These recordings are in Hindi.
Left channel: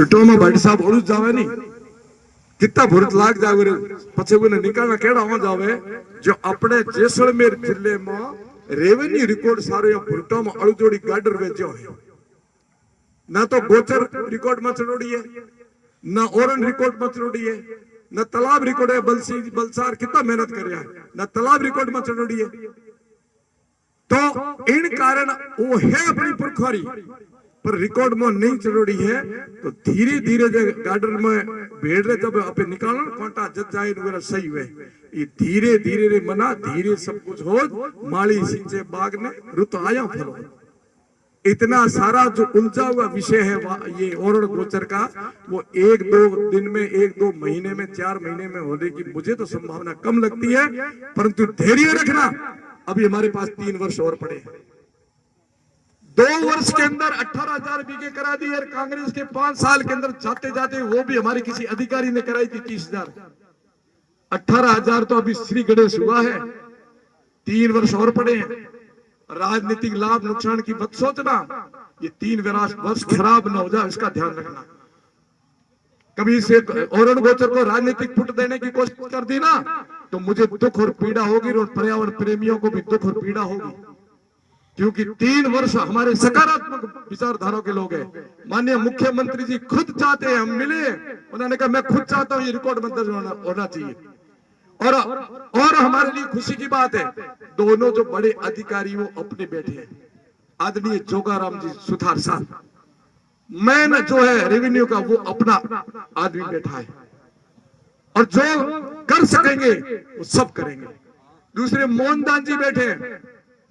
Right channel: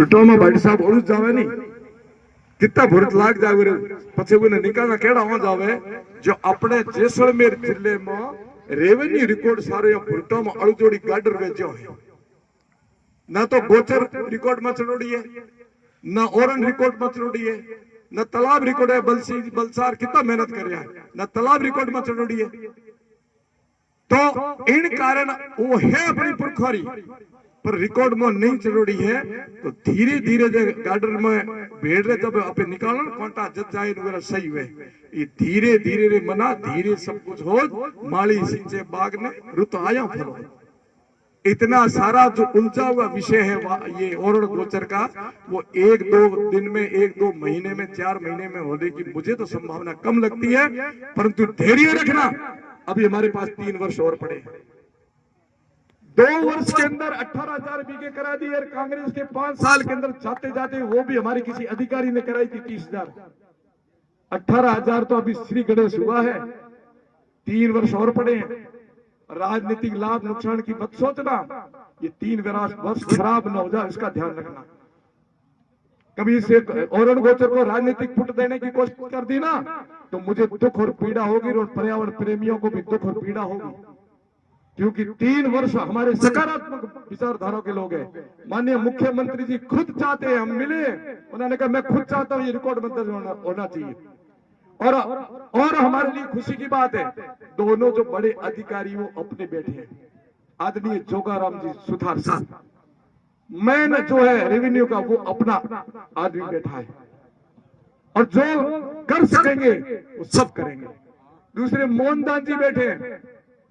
टूटो में भाई साहब उड़ जावे नहीं कितना भुरत लाग जावे पछे वो निकालना केड़ा हो जावे जो अपने जैसलमेर जिले में रेवेन्यू रिकॉर्ड सारे भुरटो में अड़जोड़ी गाडर वेचो है ना तो गोचर रिकॉर्ड में चढ़ोड़ी है ना ओरन रिकॉर्ड में चढ़ोड़ी है ना तालाब रिकॉर्ड है बलसार कितना मेहनत कर रहा है ना तालाब रिकॉर्ड में चढ़ोड़ी है तो इन कारण वो है अपनी पुरखोरी पर रिकॉर्ड में नहीं चढ़ोड़ी है तो धीरे धीरे गार्डन में भेड़ रहे जब अपने निकालो कोंटा जज जाए वगैरह सही हुए ये धीरे धीरे रे मना धीरे सब कुछ हो माली सिंचे बाग ने रुत आया फलो इतना सारा जो उलझा हुआ विषय है ये ओरण गोचर का वो एक दो दिन में एक दो महीने में 4 महीने में होने की मुझे तो संभावना कम लगती है परंतु धैर्य रखना अभी हमारे पास 3 वर्ष और पड़े 2 वर्ष के अंदर 18,000 बीघे करा दी और कांग्रेस के 5 साल के अंदर जाते जाते वो भी हमारे किसी अधिकारी ने कराई थी 30,000 18,000 तो अभी श्री गणेश हुआ है 3 वर्ष और पड़े हैं राजनीतिक लाभ नुकसान की मत सोचना ये 3 वर्ष खराब न हो जाए इसका ध्यान रखना कभी इसे ओरण गोचर को राजनीतिक फुट देने की कोशिश कर दी ना तो मुझे दुख और पीड़ा होगी और पर्यावरण प्रेमियों को भी दुख और पीड़ा होगी क्योंकि 3 वर्ष हमारे सकारात्मक विचारधारा के लोग हैं माननीय मुख्यमंत्री जी खुद चाहते हैं हम मिले उन्होंने कहा मैं खुद चाहता हूं ये रिकॉर्ड में दर्ज होना चाहिए और हमारे लिए खुशी की बात है दोनों जो बड़े अधिकारी वो अपने बैठे हैं आदरणीय जोगाराम जी सुथार साहब मैन जो है रेवेन्यू का वो अपना आदमी बैठा है और जो कर सकेंगे वो सब करेंगे दूसरे मोहनदास जी बैठे हैं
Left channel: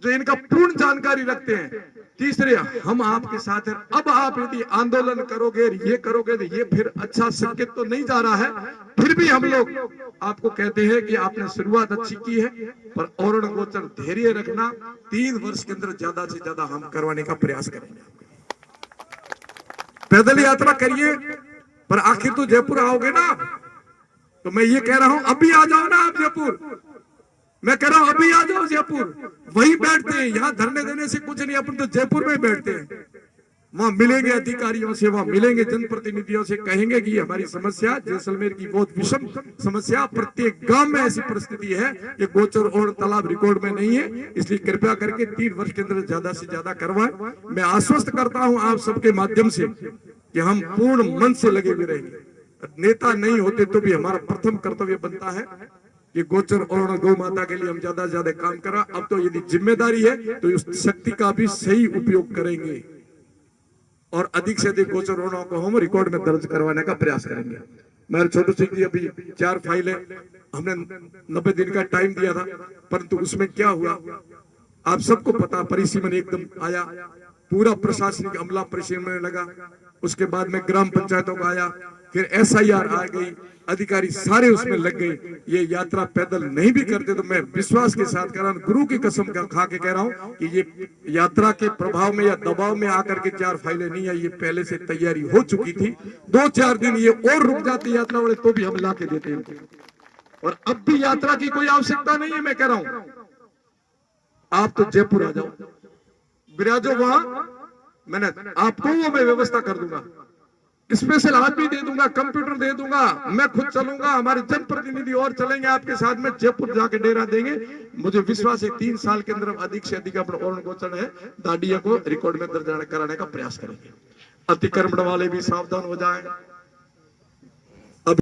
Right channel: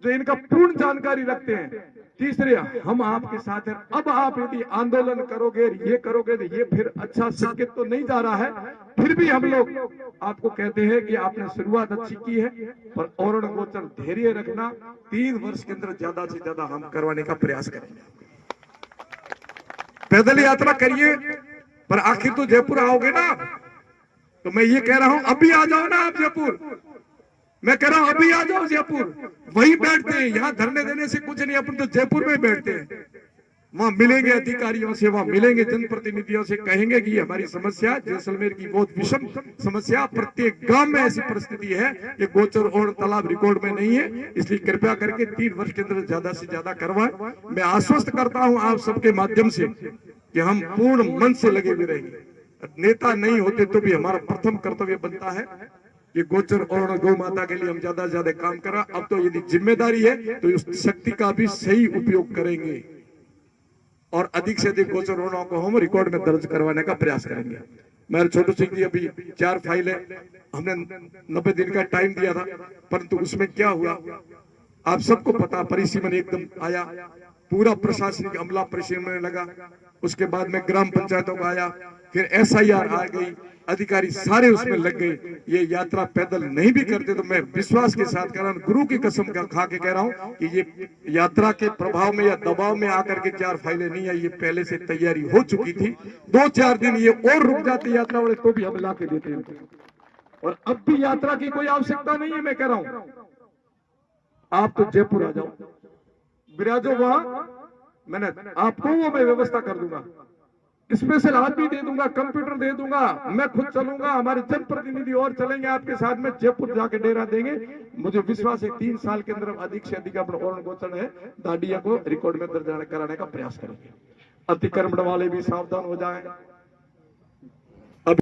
जो इनका पूर्ण जानकारी रखते हैं तीसरे हम आपके साथ हैं अब आप यदि आंदोलन करोगे ये करोगे तो ये फिर अच्छा संकेत तो नहीं जा रहा है फिर भी हम लोग आपको कहते हैं कि आपने शुरुआत अच्छी की है पर ओरण गोचर धैर्य रखना 3 वर्ष के अंदर ज्यादा से ज्यादा हम करवाने का प्रयास करेंगे पैदल यात्रा करिए पर आखिर तो जयपुर आओगे ना तो मैं ये कह रहा हूं अभी आ जाओ ना आप जयपुर मैं कह रहा हूं अभी आ जाओ जयपुर वहीं बैठते हैं यहाँ धरने देने से कुछ नहीं अपन तो जयपुर में बैठते हैं वहां मिलेंगे अधिकारियों से वहां मिलेंगे जनप्रतिनिधियों से कहेंगे कि हमारी समस्या जैसलमेर की बहुत विषम समस्या प्रत्येक गांव में ऐसी परिस्थिति है ये गोचर और तालाब रिकॉर्ड में नहीं है इसलिए कृपया करके 3 वर्ष के अंदर ज्यादा से ज्यादा करवाएं मैं आश्वस्त करता हूं आप सबके माध्यम से कि हम पूर्ण मन से लगे हुए रहेंगे नेता नहीं होते तो भी हमारा प्रथम कर्तव्य बनता है कि गोचर और गौ माता के लिए हम ज्यादा से ज्यादा काम करा अब तो यदि जिम्मेदारी है तो उस शक्ति का भी सही उपयोग करेंगे और अधिक से अधिक गोचर होना को हम रिकॉर्ड में दर्ज करवाने का प्रयास करेंगे मेरे छोटू सिंह जी अभी 4 फाइलें हमने 90 दिन का टाइम दिया था परंतु उसमें क्या हुआ आप सबको पता परिसीमन एकदम आया पूरा प्रशासनिक अमला परिसीमन लगा उसके बाद में ग्राम पंचायतों का आया फिर SIR आ गई अधिकारी सारे उसमें लग गए ये यात्रा पैदल नहीं भी करते तो मैं विश्वास के साथ कह रहा हूं गुरु की कसम खा के कह रहा हूं कि ये यात्रा के प्रभाव में या दबाव में आकर के 4 फाइलें नहीं आई ये पहले से तैयारी हो चुकी थी 2-4 दिन ये और रुक जाती यात्रा वाले तो भी हम ला के देते हैं और अब भी यात्रा की कोई आवश्यकता नहीं है मैं कह रहा हूं आप तो जयपुर आ जाओ विराजो वहां मैंने आपको वो मैं व्यवस्था कर दूंगा स्पेशल आदमी दे दूंगा कंप्यूटर दे दूंगा मैं खुद चलूंगा हमारे जनप्रतिनिधि और चलेंगे आपके साथ में जयपुर जाके डेरा देंगे मुझे विश्वास है 3 साल के अंदर अधिक से अधिक अपना ओरण गोचर है दाडिया को रिकॉर्ड में दर्ज कराने का प्रयास करेंगे अतिक्रमण वाले भी सावधान हो जाए